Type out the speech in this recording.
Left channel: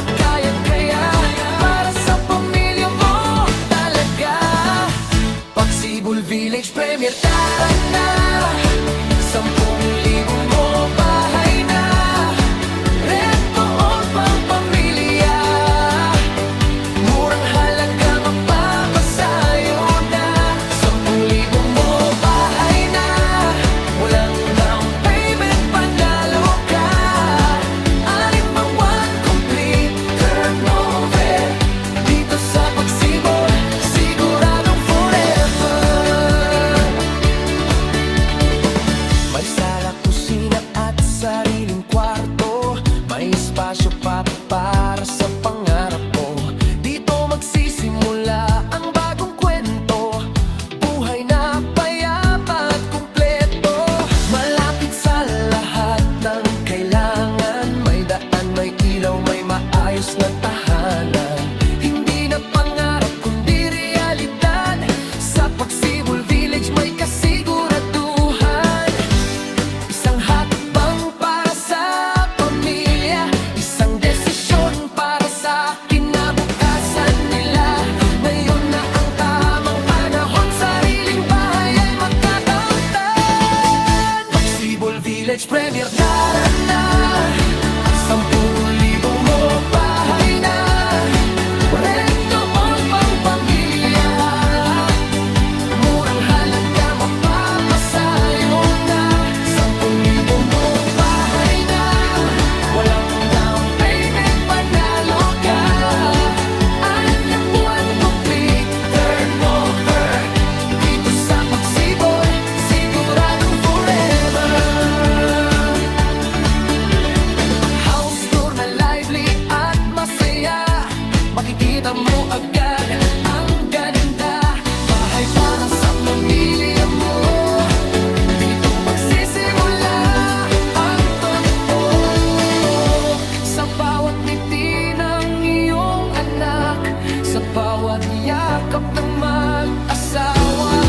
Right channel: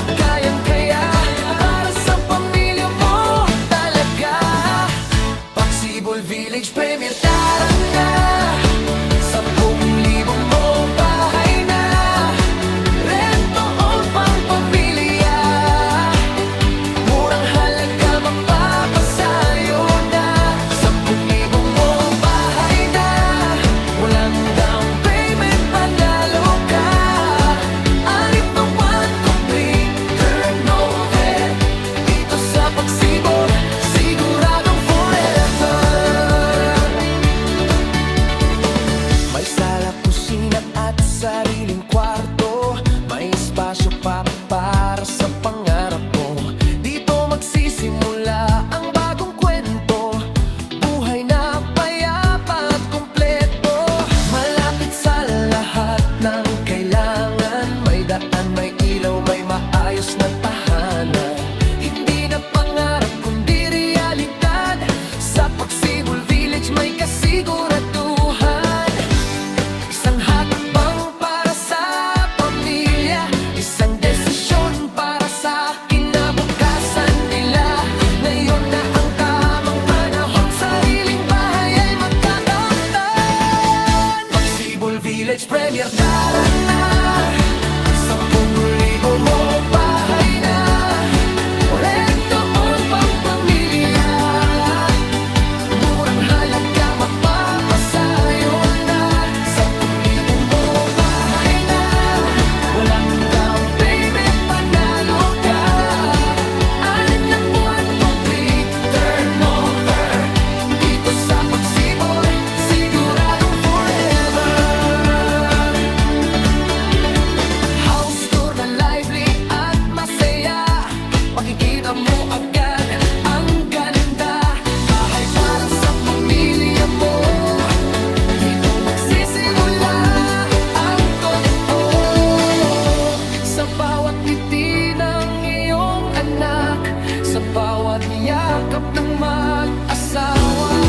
at kayang-kaya para sa pamilya mo talaga. Pagsibol Village Premier, tara na. 10,000 mo bahay na, rento on pang pamilya. Murang halaga mapapasayo na. 10,000 mo bahay na, walang down payment, panalo ka. 6 na buwan complete turnover. Dito sa Pagsibol, siguradong forever. May sala, kusina at sariling kwarto. May espasyo pa para sa pangarap mo. Dito magsisimula ang bagong kwento. Buhay na payapa at kumpleto. Malapit sa lahat ng kailangan. May daan, may ilaw, may maayos na tahanan. Hindi na pangarap kundi realidad. Sa Pagsibol Village may kasiguraduhan. Isang hakbang para sa pamilya, isang desisyon para sa kinabukasan nila. Ngayon na ang tamang panahon, sariling bahay ay magkakamtan. Pagsibol Village Premier, tara na. 10,000 mo bahay na, rento on pang pamilya. Murang halaga mapapasayo na. 10,000 mo bahay na, walang down payment, panalo ka. 6 na buwan complete turnover. Dito sa Pagsibol, siguradong forever. House tour na lively at masaya. Makikita mo agad ang ganda. Bahay para sa pamilya mo. Dito magsisimula ang totoo. Sa bawat ngiti ng iyong anak, sa bawat yakap ng mag-asawa.